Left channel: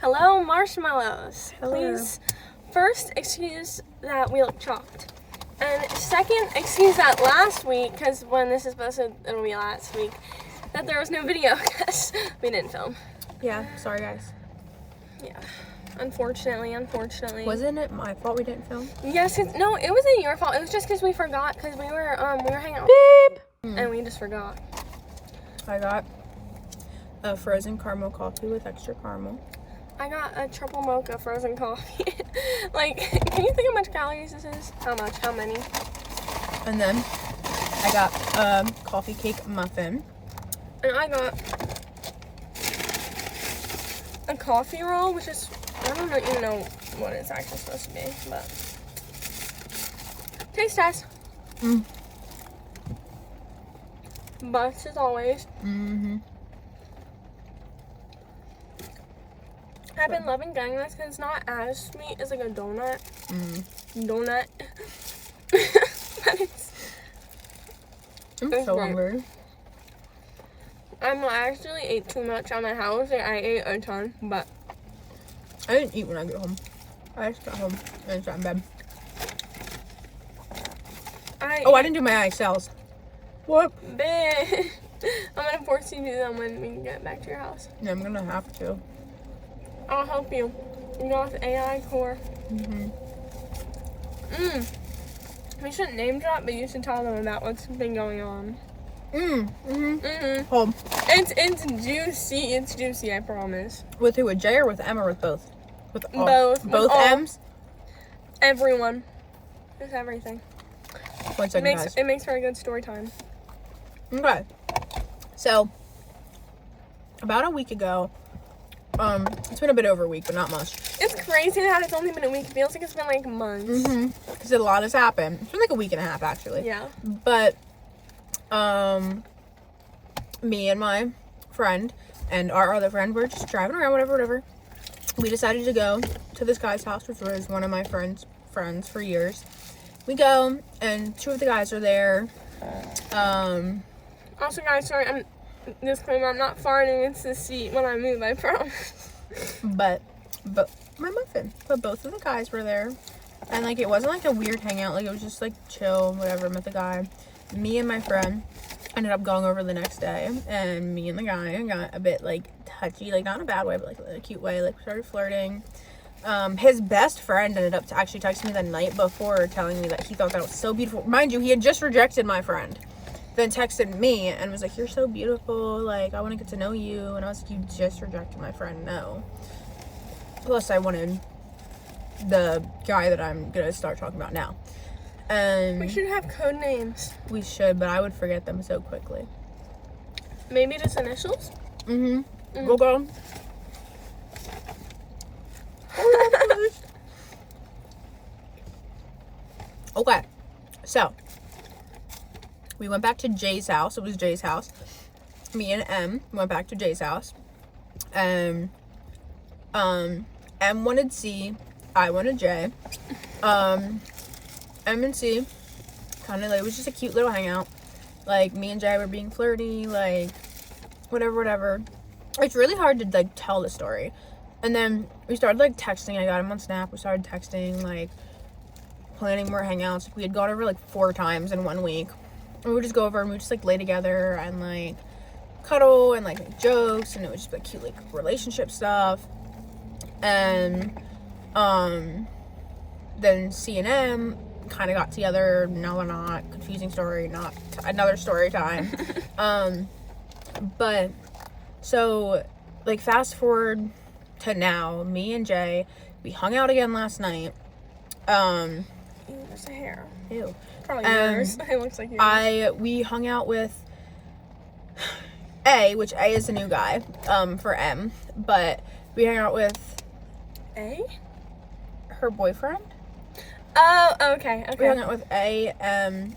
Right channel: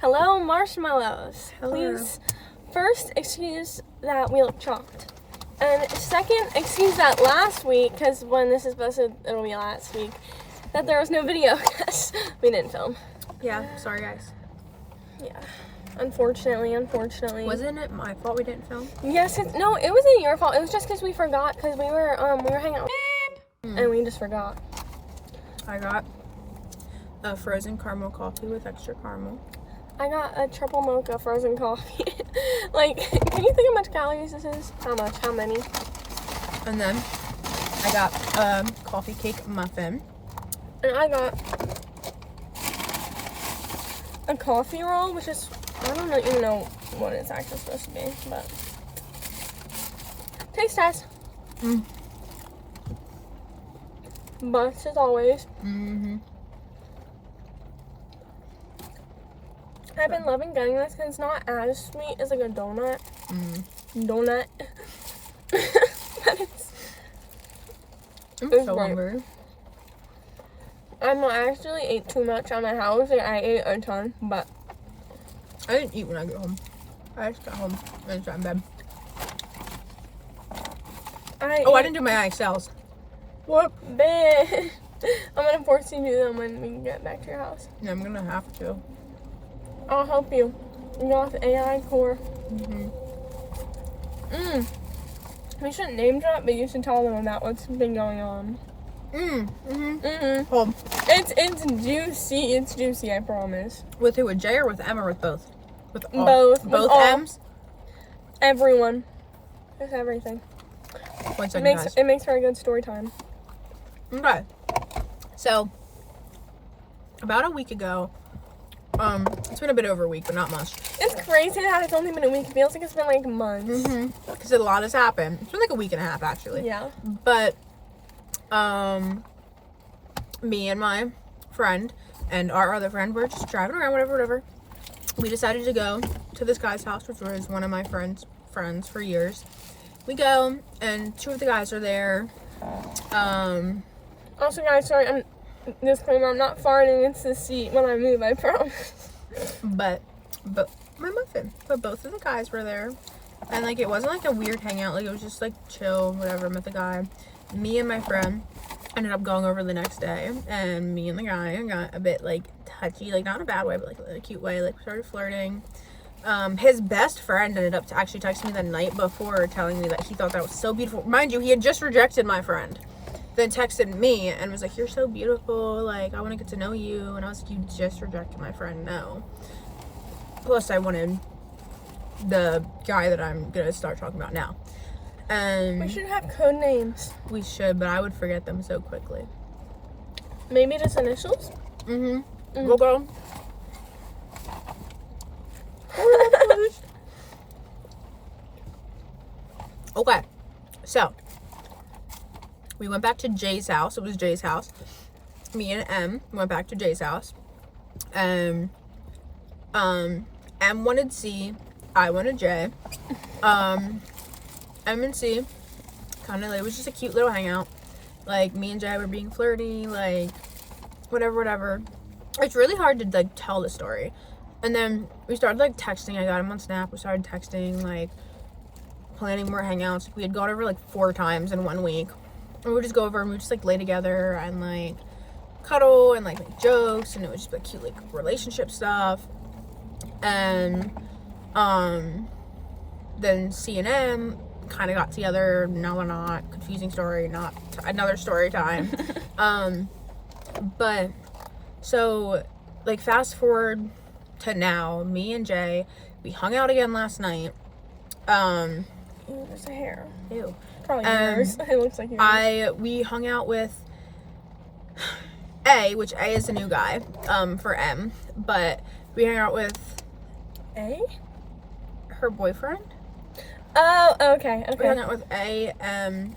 Hello, marshmallows. Hello. Please, first, excuse that we look chopped. And second, excuse that last week, because when this is posted, it'll be last week, that there was no video because we didn't film. Yeah, sorry guys. Yeah. Unfortunately. Wasn't it my fault we didn't film? Yes, no, it wasn't your fault. It was just because we forgot, because we were hanging out and we just forgot. I got a frozen caramel coffee with extra caramel. I got a triple mocha frozen coffee. Like, can you think how much calories this is? How much? How many? And then I got a coffee cake muffin. And I got a coffee roll, which is, I don't even know what it's actually supposed to be, but taste test. Bucks as always. I've been loving getting this because it's not as sweet as like a donut. Donut. But I'm it's so great. hungry. I actually ate too much at my house. Like, I ate a ton, but I didn't eat when I get home. I just got home and sat in bed. I didn't do my IXLs. What? Bet. I'm gonna force you to do them when we get back to your house. Yeah, I'm gonna have to. I'll help you. You got the AI core. We shouldn't name drop, but you should tell them about what's been going on. Home. It's juicy. It's juicy, I promise. With who? With Jay or with M or with both? With all. Both. Both With all. M's? Everyone. It's everything. 1 second, guys. It makes for a good story time. Okay. So, about a week ago, it's been a bit over a week, but not much. It's crazy how it's only been a week. It feels like it's been like months. Because a lot has happened. It's been like a week and a half, actually. Yeah. But, me and my friend and our other friend were just driving around, whatever. We decided to go to this guy's house, which was one of my friends for years. We go, and 2 of the guys are there. Also, guys, sorry, disclaimer, I'm not farting into the seat when I move, I promise. But my muffin. But both of the guys were there. And, like, it wasn't, like, a weird hangout. Like, it was just, like, chill, whatever. Met the guy. Me and my friend ended up going over the next day. And me and the guy got a bit, like, touchy. Like, not in a bad way, but, like, a cute way. Like, started flirting. His best friend ended up actually texting me the night before telling me that he thought that was so beautiful. Mind you, he had just rejected my friend. Then texted me and was like, "You're so beautiful. Like, I want to get to know you." And I was like, "You just rejected my friend. No." Plus, I wanted the guy that I'm going to start talking about now. And We should have code names. we should, but I would forget them so quickly. Maybe just initials? We'll go. Okay, so we went back to Jay's house. It was Jay's house. Me and M went back to Jay's house. M wanted C, I wanted J. M and C kind of, like, it was just a cute little hangout. Like, me and Jay were being flirty, like, whatever. It's really hard to, like, tell the story. And then we started, like, texting. I got him on Snap. We started texting, like, planning more hangouts. We had gone over, like, 4 times in 1 week. And we would just go over and we would just, like, lay together and, like, cuddle and, like, make jokes. And it was just, like, cute, like, relationship stuff. And, then C and M kind of got together. Now they're not. Confusing story. Not another story time. But, so, like, fast forward to now, me and Jay, we hung out again last night. Ew, there's a hair. Ew. Probably yours. It looks like yours. We hung out with A, which A is the new guy, for M, but we hung out with A? her boyfriend. Oh, okay. We hung out with A, M,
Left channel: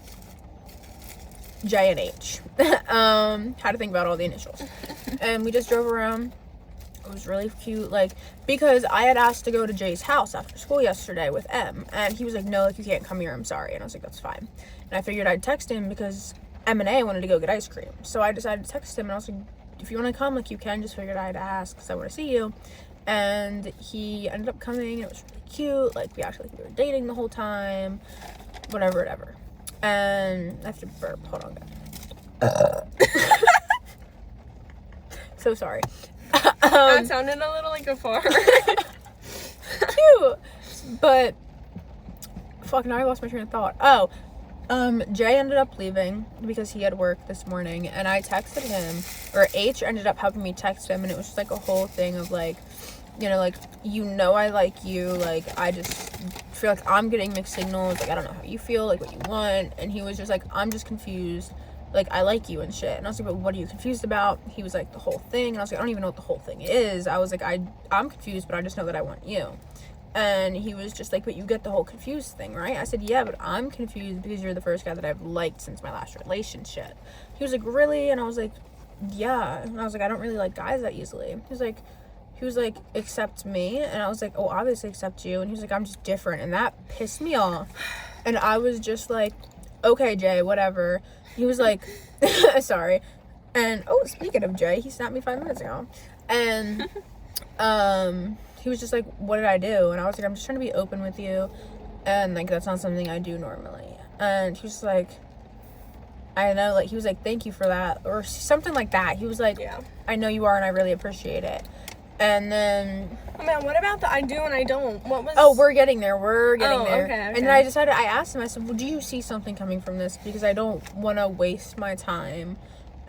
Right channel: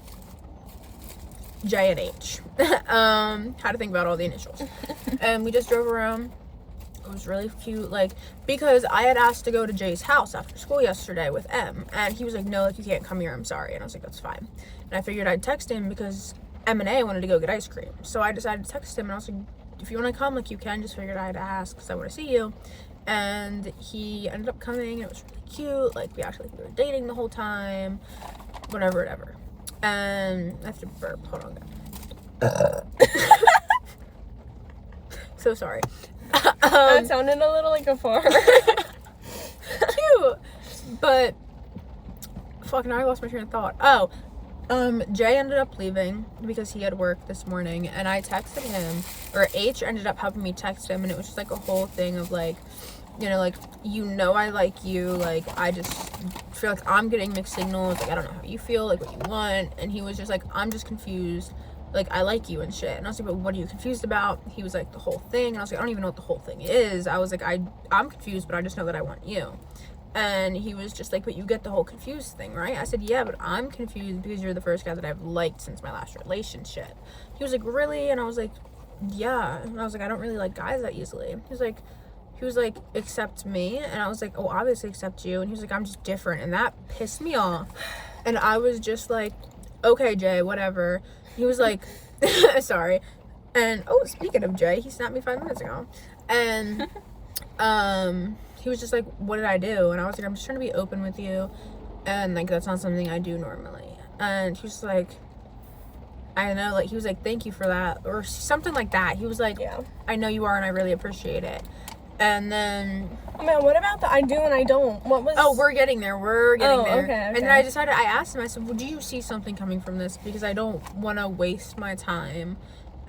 J, and H. How to think about all the initials. And we just drove around. It was really cute, like, because I had asked to go to Jay's house after school yesterday with M, and he was like, "No, if you can't come here, I'm sorry." And I was like, "That's fine." And I figured I'd text him because M&A, I wanted to go get ice cream. So I decided to text him, and I was like, if you want to come, like, you can. Just figured I had to ask because I want to see you. And he ended up coming. It was really cute. Like, we actually were dating the whole time. Whatever. And I have to burp. Hold on. So sorry. That sounded a little like a fart. Cute. But, fuck, now I lost my train of thought. Oh, Jay ended up leaving because he had work this morning, and I texted him, or H ended up helping me text him, and it was just, like, a whole thing of, like, you know, like, I like you, like, I just feel like I'm getting mixed signals, like, I don't know how you feel, like, what you want, and he was just like, I'm just confused, like, I like you and shit, and I was like, but what are you confused about? He was like, the whole thing, and I was like, I don't even know what the whole thing is. I was like, I'm confused, but I just know that I want you. And he was just like, but you get the whole confused thing, right? I said, yeah, but I'm confused because you're the first guy that I've liked since my last relationship. He was like, really? And I was like, yeah. And I was like, I don't really like guys that easily. He was like, accept me. And I was like, oh, obviously accept you. And he was like, I'm just different. And that pissed me off. And I was just like, okay, Jay, whatever. He was like, sorry. And, oh, speaking of Jay, he snapped me 5 minutes ago. And, he was just like, what did I do? And I was like, I'm just trying to be open with you. And, like, that's not something I do normally. And he was like, I know, like, he was like, thank you for that. Or something like that. He was like, yeah, I know you are, and I really appreciate it. And then... Oh, man, what about the I do and I don't? What was... Oh, we're getting there. Okay. And then I asked him, I said, well, do you see something coming from this? Because I don't want to waste my time.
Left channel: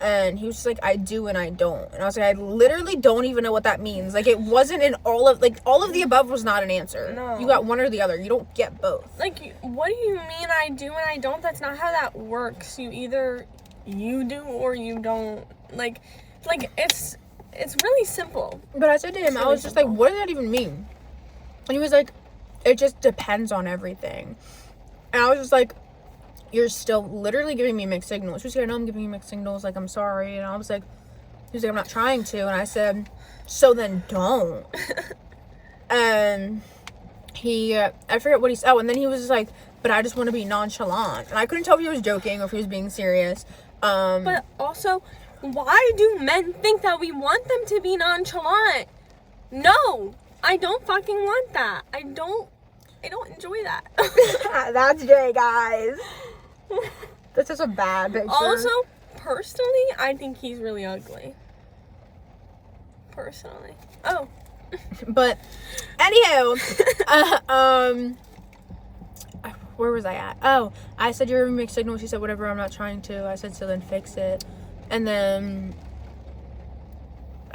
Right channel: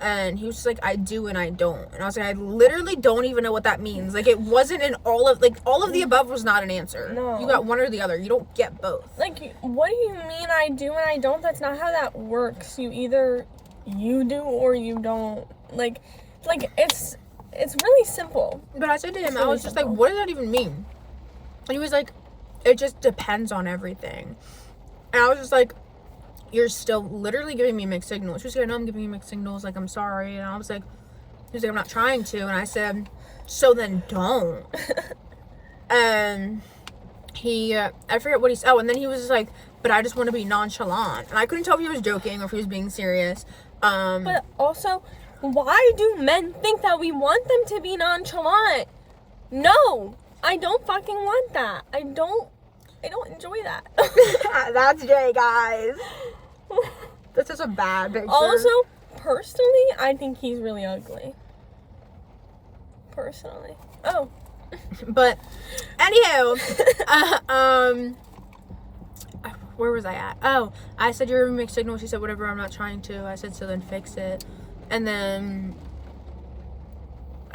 And he was just like, I do and I don't. And I was like, I literally don't even know what that means. Like, it wasn't in all of the above was not an answer. No. You got one or the other. You don't get both. Like, what do you mean I do and I don't? That's not how that works. You do or you don't. Like it's really simple. But I said to him, I was just like, what does that even mean? And he was like, it just depends on everything. And I was just like, you're still literally giving me mixed signals. She was like, I know I'm giving you mixed signals, like, I'm sorry. And I was like, he was like, I'm not trying to. And I said, so then don't. And I forget what he said. Oh, and then he was just like, but I just want to be nonchalant. And I couldn't tell if he was joking or if he was being serious. But also, why do men think that we want them to be nonchalant? No, I don't fucking want that. I don't enjoy that. That's Jay, guys. This is a bad picture. Also, personally, I think he's really ugly. Personally. Oh. But, anywho, where was I at? Oh, I said you're a mixed signal. She said, whatever, I'm not trying to. I said, so then fix it. And then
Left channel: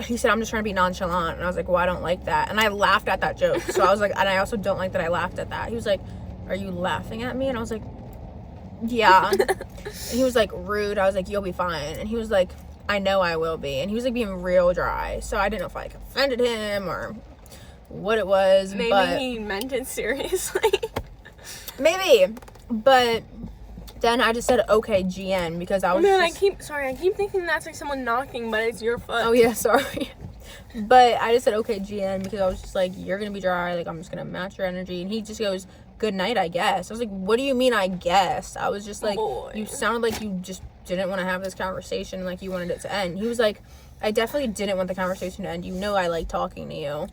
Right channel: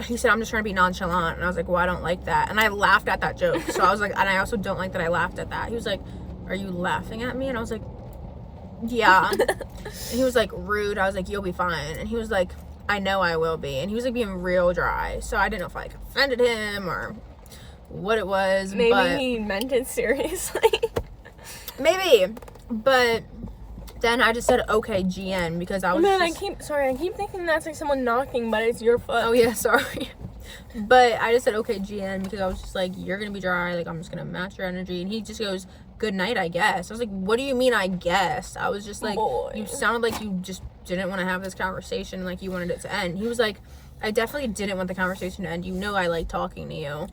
he said, I'm just trying to be nonchalant. And I was like, well, I don't like that. And I laughed at that joke. So I was like, and I also don't like that I laughed at that. He was like, are you laughing at me? And I was like, yeah. And he was like, rude. I was like, you'll be fine. And he was like, I know I will be. And he was like being real dry. So I didn't know if I like offended him or what it was. Maybe he meant it seriously. Maybe. But then I just said, okay, GN, because I was I keep thinking that's like someone knocking, but it's your foot. Oh, yeah, sorry. But I just said, okay, GN, because I was just like, you're going to be dry. Like, I'm just going to match your energy. And he just goes, good night, I guess. I was like, what do you mean, I guess? I was just like, you sounded like you just didn't want to have this conversation, like you wanted it to end. He was like, I definitely didn't want the conversation to end. You know I like talking to you.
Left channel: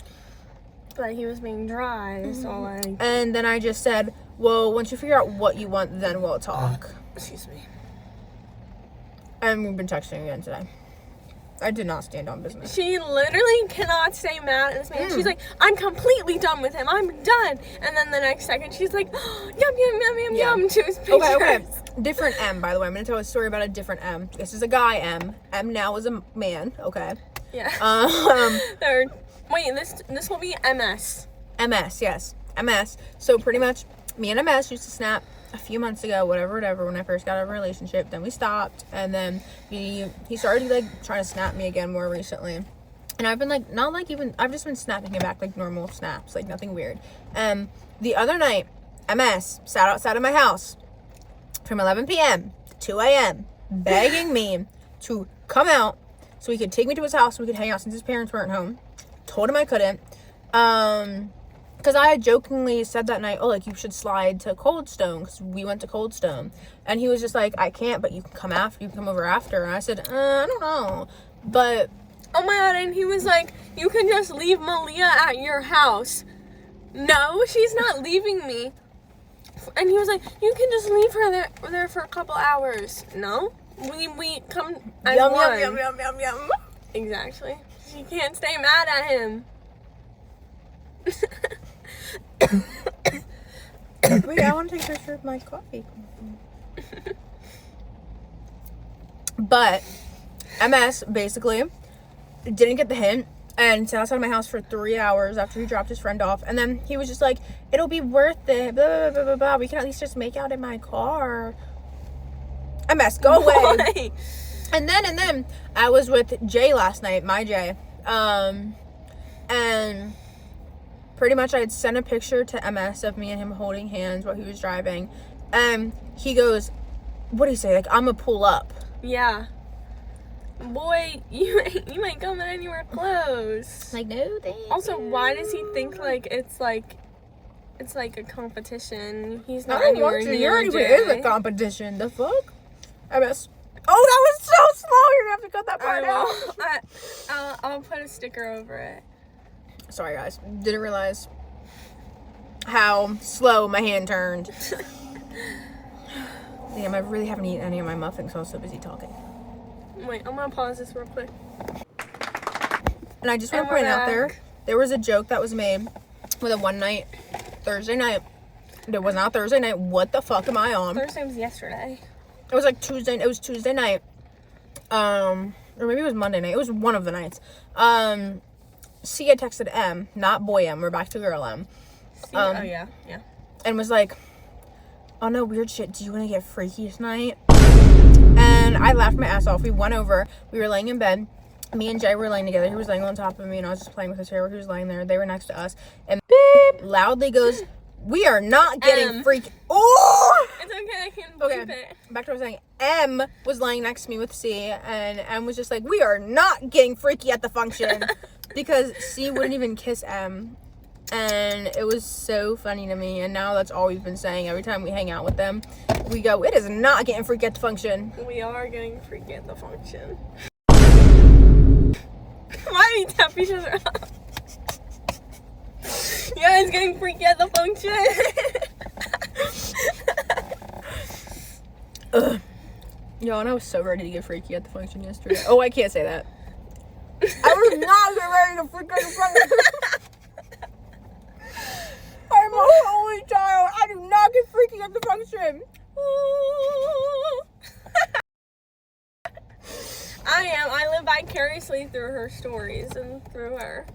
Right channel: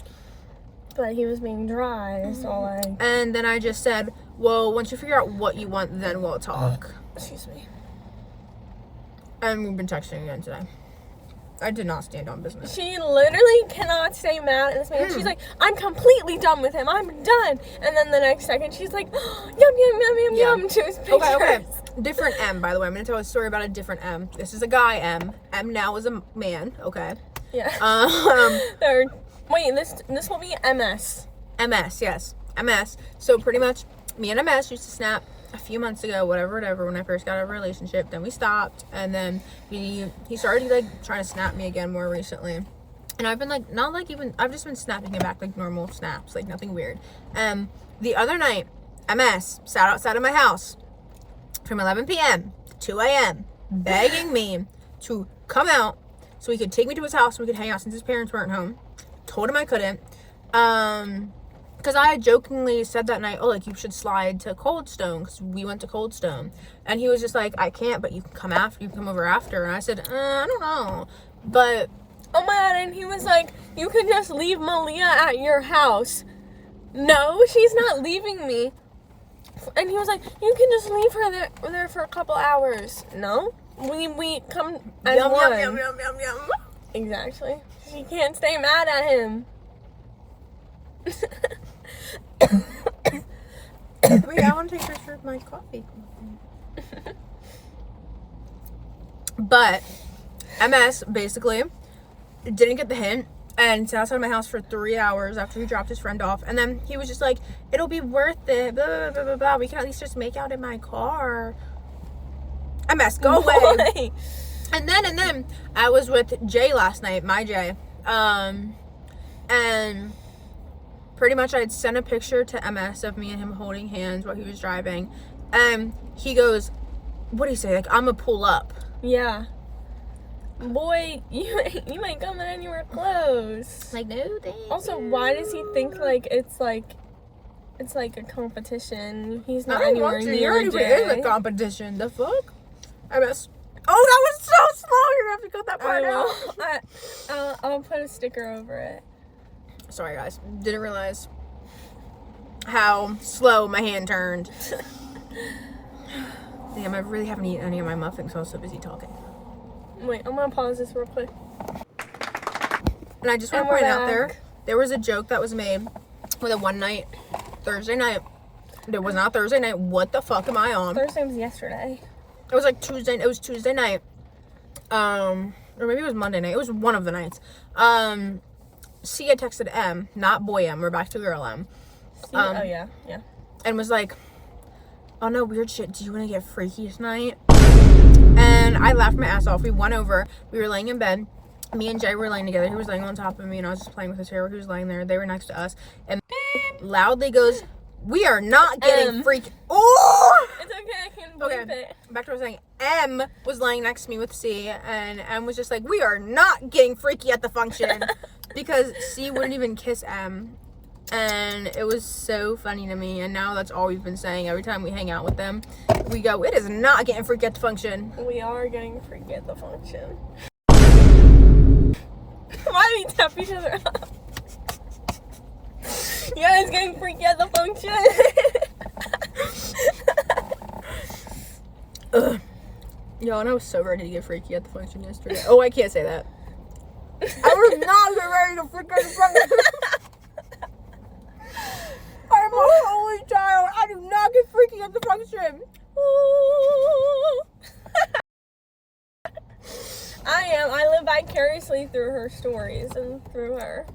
But he was being dry, so like... And then I just said, well, once you figure out what you want, then we'll talk. Excuse me. And we've been texting again today. I did not stand on business. She literally cannot stay mad at this man. She's like, I'm completely done with him. I'm done. And then the next second, she's like, oh, yum to his pictures. Okay. Different M, by the way. I'm going to tell a story about a different M. This is a guy M. M now is a man. Okay. Yeah. Wait, this will be MS. MS, yes. MS. So pretty much, me and MS used to snap a few months ago, whatever, when I first got out of a relationship. Then we stopped, and then he started like trying to snap me again more recently. And I've been like, I've just been snapping him back like normal snaps, like nothing weird. The other night, MS sat outside of my house from 11 p.m. to 2 a.m. begging me to come out so he could take me to his house so we could hang out since his parents weren't home. Told him I couldn't. because I had jokingly said that night, oh, like, you should slide to Cold Stone, because we went to Cold Stone. And he was just like, I can't, but you can come over after. And I said, I don't know. But, oh my god, and he was like, you can just leave Malia at your house. No, she's not leaving me. And he was like, you can just leave her there for a couple hours. No, we come as yum, one. yum, yum, yum, yum. Exactly. She can't stay mad at him. Wait, I want to take a picture of my coffee. But MS basically didn't get the hint and sat outside my house for 3 hours after he dropped his friend off. And then he was just like, it'll be worth it, blah, blah, blah, blah, blah. We can at least just make out in my car. MS, go away. And then I was with Jay last night, my Jay. And pretty much I had sent a picture to MS of me and him holding hands while he was driving. And he goes, what do you say? Like, I'm gonna pull up. Yeah. Boy, you might come in anywhere close. Like, no, thank Also, why does he think like it's like a competition? He's not I don't anywhere want to. near You're already Jay. in the competition. The fuck? MS. Oh, that was so slow. You're gonna have to cut that part out. I'll put a sticker over it. Sorry, guys. Didn't realize how slow my hand turned. Damn, I really haven't eaten any of my muffins, so I was so busy talking. Wait, I'm gonna pause this real quick. And I just want to point out there was a joke that was made with a one night, Thursday night. It was not Thursday night. What the fuck am I on? Thursday was yesterday. It was like Tuesday. It was Tuesday night. Or maybe it was Monday night. It was one of the nights. C had texted M, not boy M. We're back to girl M. Oh yeah. And was like, oh no, weird shit. Do you want to get freaky tonight? And I laughed my ass off. We went over. We were laying in bed. Me and Jay were laying together. He was laying on top of me, and I was just playing with his hair. He was laying there. They were next to us. And beep loudly goes, "We are not getting freaky." Oh! It's okay. I can believe it. Back to what I was saying. M was laying next to me with C, and M was just like, "We are not getting freaky at the function," because C wouldn't even kiss M. And it was so funny to me, and now that's all we've been saying every time we hang out with them. We go, it is not getting freaky at the function. We are getting freaky at the function. Why do you tap each other up? Yeah, it's getting freaky at the function. Ugh. Yo, and I was so ready to get freaky at the function yesterday. Oh, I can't say that. I was not ready to freak at the function. I'm a holy child. I do not get freaky at the function. I am. I live vicariously through her stories and through her.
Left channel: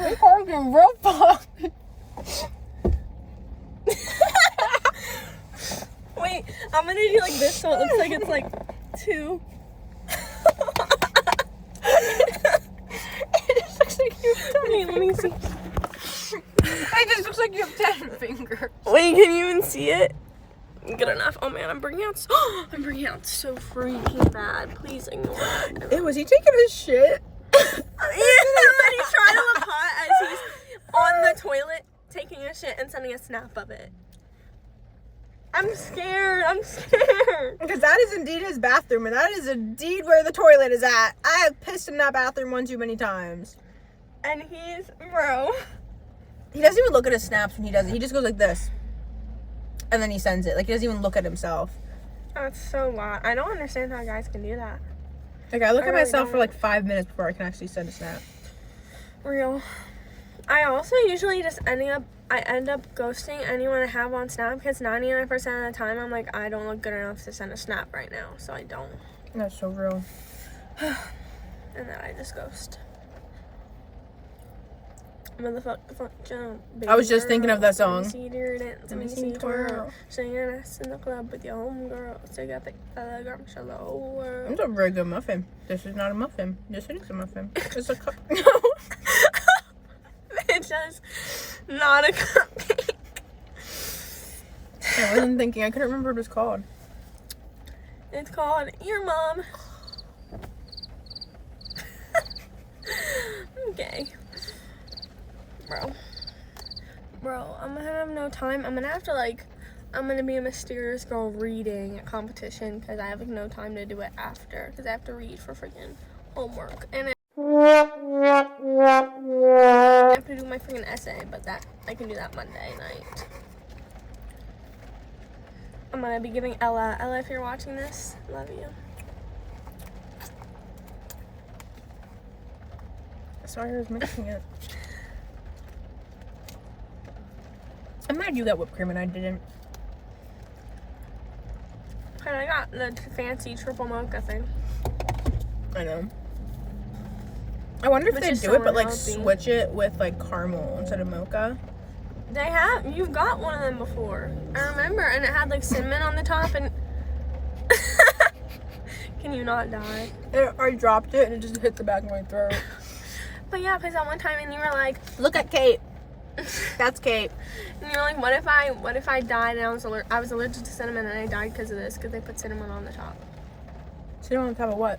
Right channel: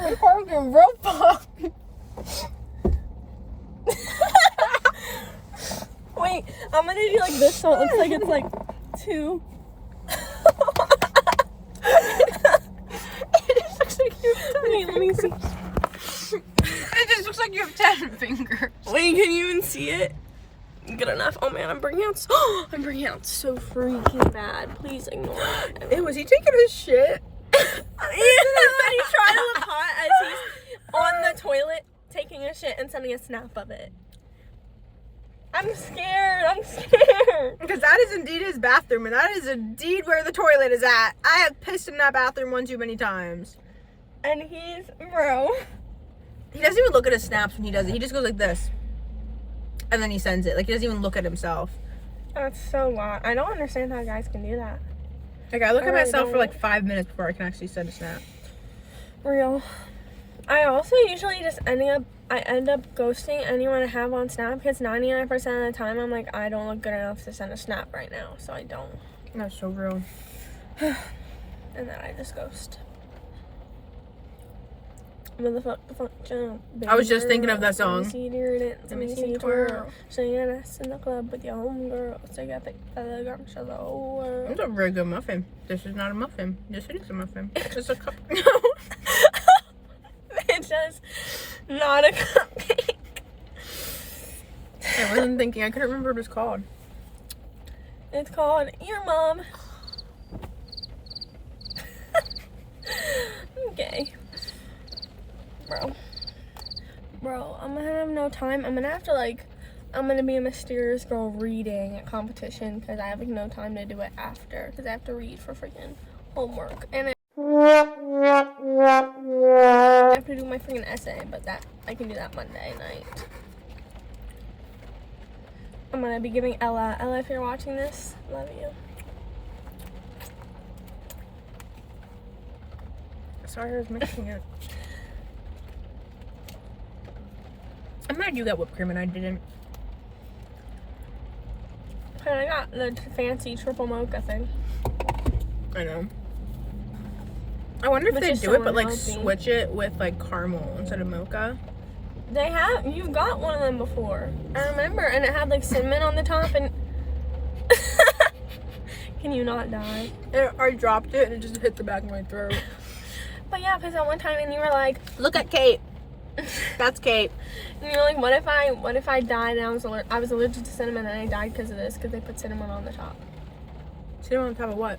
I'm fucking real fuck. Wait, I'm gonna do like this so it looks like it's like 2. Wait, let me see. It just looks like you have 10 fingers. Wait, can you even see it? Good enough. Oh man, I'm bringing out so freaking bad. Please ignore that. Hey, was he taking his shit? Yeah, he's trying to look hot as he's on the toilet taking a shit and sending a snap of it. I'm scared. Because that is indeed his bathroom, and that is indeed where the toilet is at. I have pissed in that bathroom one too many times. And he's, bro. He doesn't even look at his snaps when he does it. He just goes like this. And then he sends it. Like, he doesn't even look at himself. That's so wild. I don't understand how guys can do that. Like, I look at myself for like 5 minutes before I can actually send a snap. Real. I also usually just end up ghosting anyone I have on Snap because 99% of the time I'm like, I don't look good enough to send a snap right now, so I don't. That's so real. And then I just ghost. Motherfucker, I was just thinking of that song. Let me see twirl. Singing us in the club with your homegirl. So you got the gum shallow. It's a very good muffin. This is not a muffin. Yes, it is a muffin. It's a cup. It's just not a cupcake. I wasn't thinking. I couldn't remember what it was called. It's called Your Mom. Okay. Bro, I'm gonna have no time. I'm gonna be a mysterious girl reading at competition because I have like no time to do it after because I have to read for freaking homework and I have to do my freaking essay, but that I can do that Monday night. I'm gonna be giving Ella, if you're watching this, love you. Sorry, I was mixing it. I'm glad you got whipped cream and I didn't. But I got the fancy triple mocha thing. I know. I wonder if Which they is do so it, but like unhealthy. switch it with like caramel instead of mocha. You've got one of them before. I remember, and it had like cinnamon on the top and can you not die? I dropped it and it just hit the back of my throat. But yeah, because at one time and you were like, Look at Kate. That's Kate. and you're like, what if I died and I was allergic to cinnamon and I died because of this because they put cinnamon on the top. Cinnamon on top of what?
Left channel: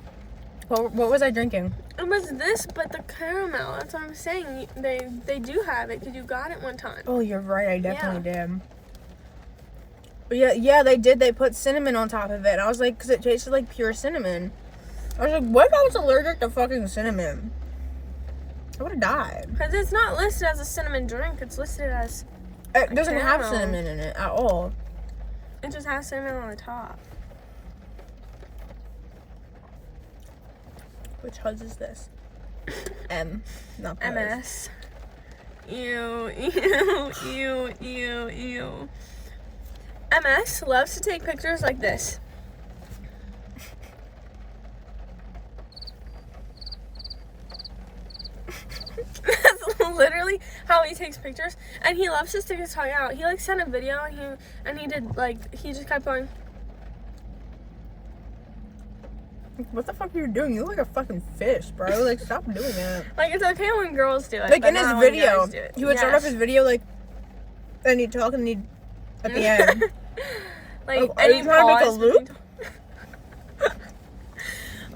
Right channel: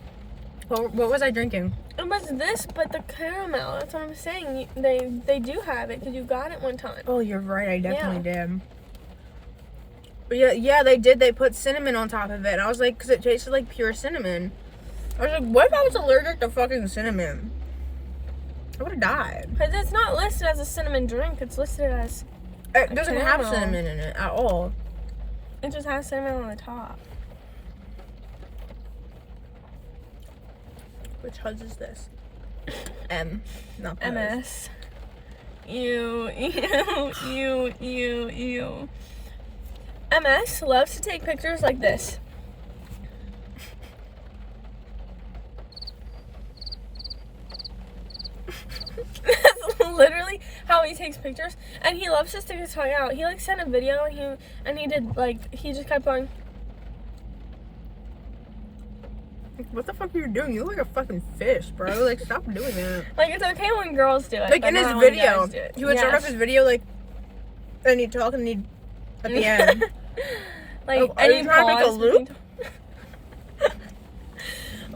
What was I drinking? It was this, but the caramel. That's what I'm saying. They do have it because you got it one time. Oh, you're right. I definitely did. But yeah, they did. They put cinnamon on top of it. And I was like, because it tasted like pure cinnamon. I was like, what if I was allergic to fucking cinnamon? I would have died. Because it's not listed as a cinnamon drink. It's listed as It doesn't have caramel. cinnamon in it at all. It just has cinnamon on the top. Which huzz is this? M, not huzz. MS. Ew. MS loves to take pictures like this. That's literally how he takes pictures, and he loves to stick his tongue out. He like sent a video, and he did like he just kept going. What the fuck are you doing? You look like a fucking fish, bro. Like, stop doing that. Like, it's okay when girls do it. Like, but in his not when video, guys do it. he would start off his video, like, and he'd talk, and he'd, at the end. Like, Oh, are you trying to make a loop?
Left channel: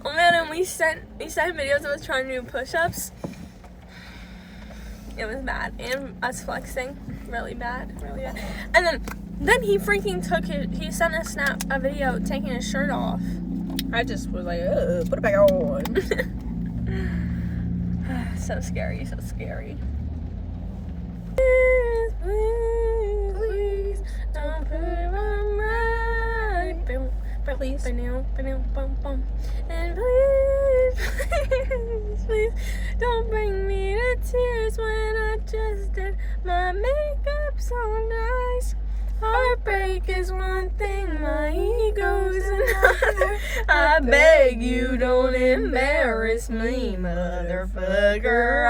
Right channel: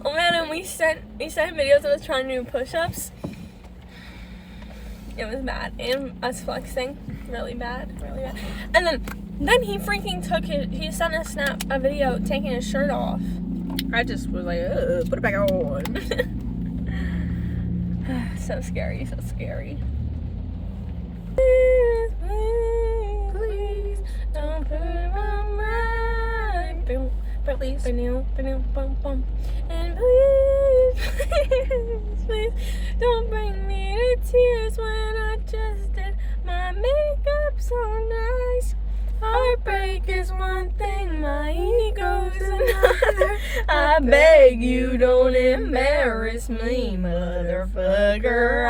Oh man, and we sent videos of us trying to do push-ups. It was bad. And us flexing. Really bad. And then he freaking he sent a video taking his shirt off. I just was like, put it back on. So scary. Please, don't put it on right. Please. And please, don't bring me to tears when I just did my makeup so nice. Heartbreak is one thing, my ego's another. I beg you, don't embarrass me, motherfucker.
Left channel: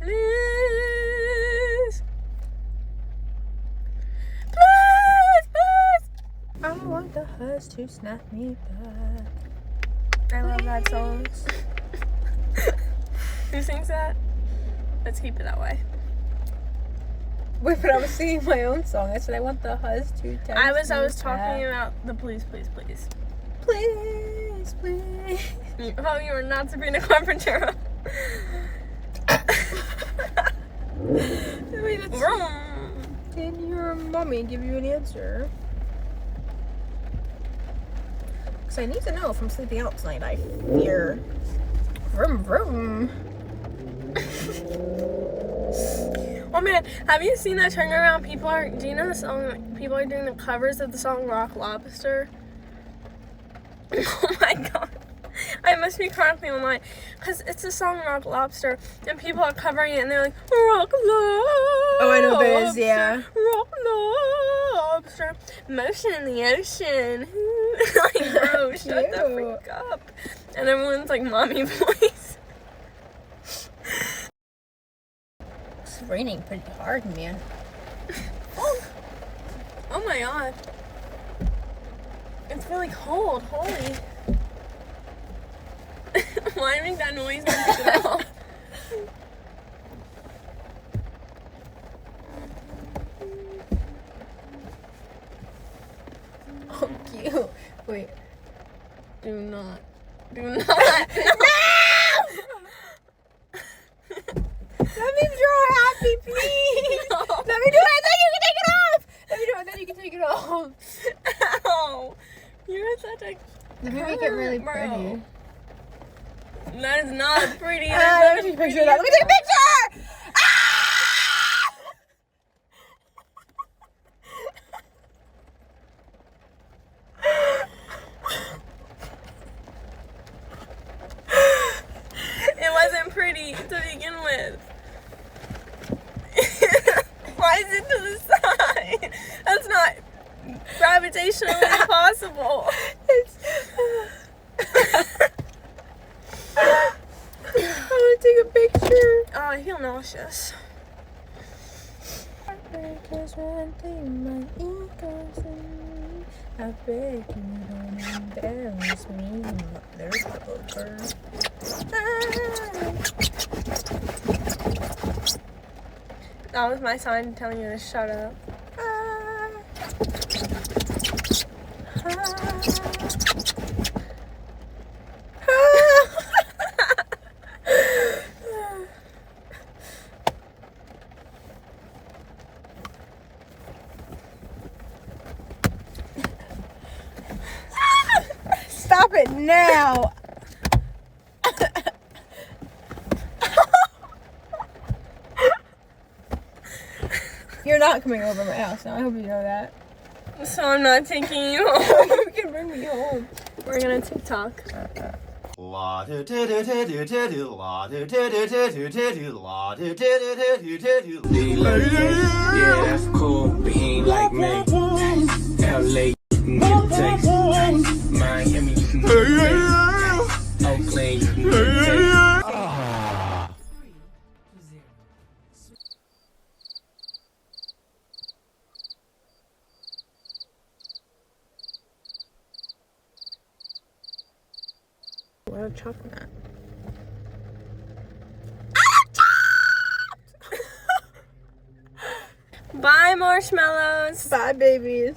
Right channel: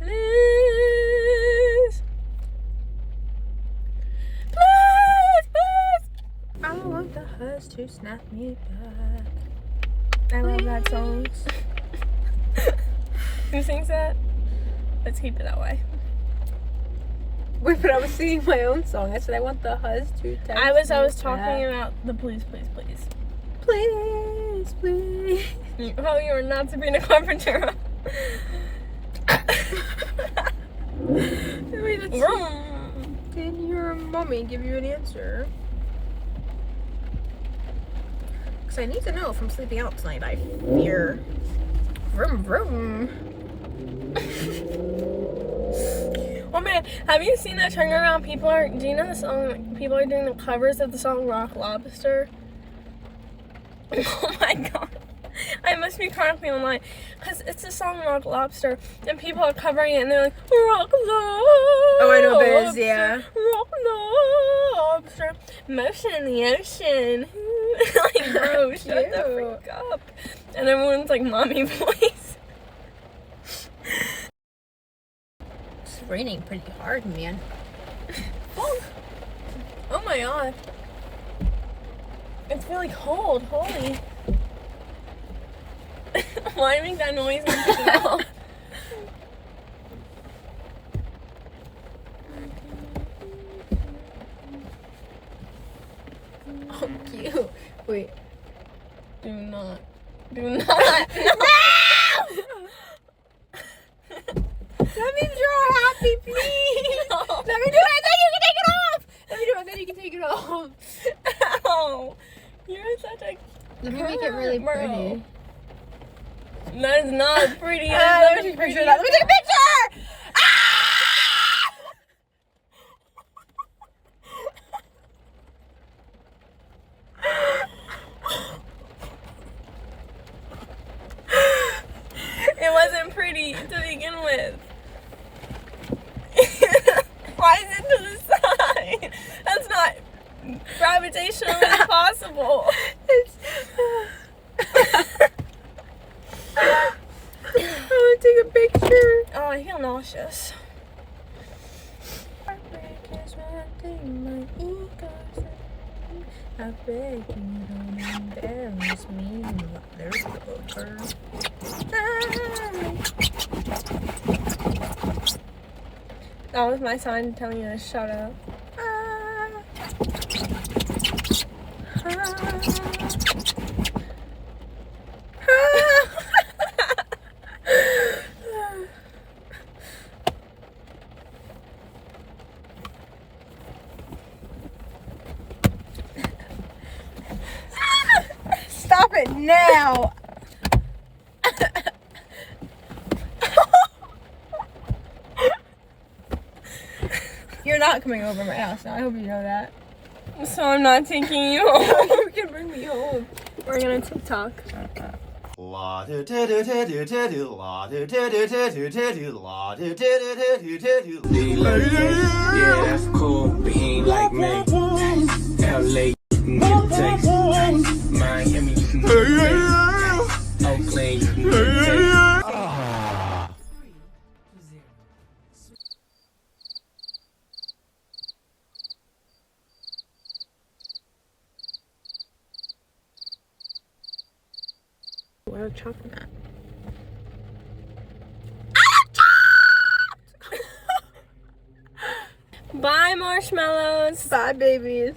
Please. I want the huzz to snap me back. I love that song. Who sings that? Let's keep it that way. Wait, but I was singing my own song. I said I want the huzz to text I was me talking back. about the please. Please. Oh, you are not Sabrina Carpenter. Did your mommy give you an answer? Because I need to know if I'm sleeping out tonight. I fear. Vroom, vroom. Oh man, have you seen that turnaround? Do you know the song? People are doing the covers of the song Rock Lobster. Oh my god. I must be chronically online because it's the song Rock Lobster and people are covering it and they're like Rock Lobster. Oh, I know Biz, yeah. Rock Lobster. Motion in the ocean. Like, bro, shut the freak up. And everyone's like mommy voice. It's raining pretty hard, man. Oh my god. It's really cold. Holy. Why do I make that noise? Oh, cute. Wait. Do not. No! That means you're happy, please. No. Let me do it, and then you can take it off. Let me do it, and then you can take it off. Ow. You're such a Let me make it really bro. pretty. That is not pretty. Let That's me take a not picture of that. Let me take a picture. Ah! It wasn't pretty to begin with. Why is it to the side? That's not gravitationally possible. I want to take a picture. Oh, I feel nauseous. I beg you, don't embarrass me. There's a poker. That was my sign telling you to shut up. Stop it now. You're not coming over my house now. I hope you know that. So I'm not taking you home. You can bring me home. We're gonna TikTok. La do do do do do do do la do do do do do do do la do do do do do do do. Yeah, that's cool, but he ain't like me. LA, you can get a text. Miami, you can get a text. Oakland, you can get a text. What a chocolate. Bye, marshmallows. Bye, babies.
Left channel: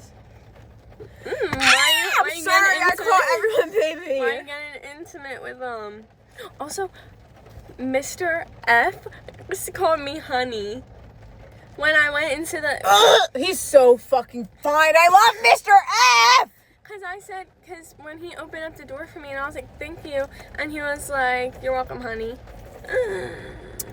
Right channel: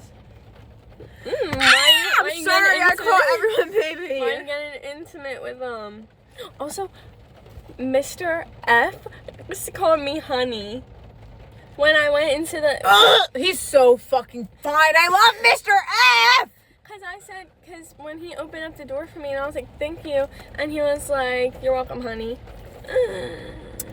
Why you I'm sorry, I call everyone baby. Why you getting intimate with Also, Mr. F used to call me honey when I went into the. He's so fucking fine. I love Mr. F. Cause when he opened up the door for me and I was like, thank you, and he was like, you're welcome, honey.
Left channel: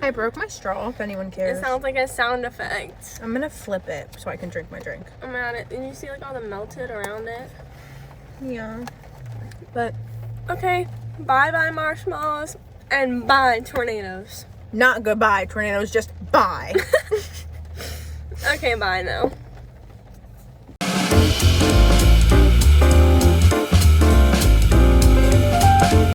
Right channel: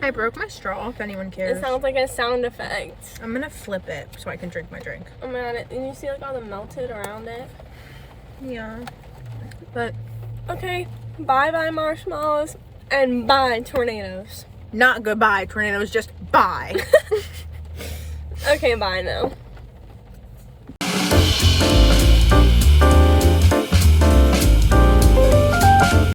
I broke my straw, if anyone cares. It sounds like a sound effect. I'm gonna flip it so I can drink my drink. Oh my god, did you see like all the melted around it? Yeah. But Okay, bye marshmallows, and bye tornadoes. not goodbye, tornadoes, just bye. Okay, bye now.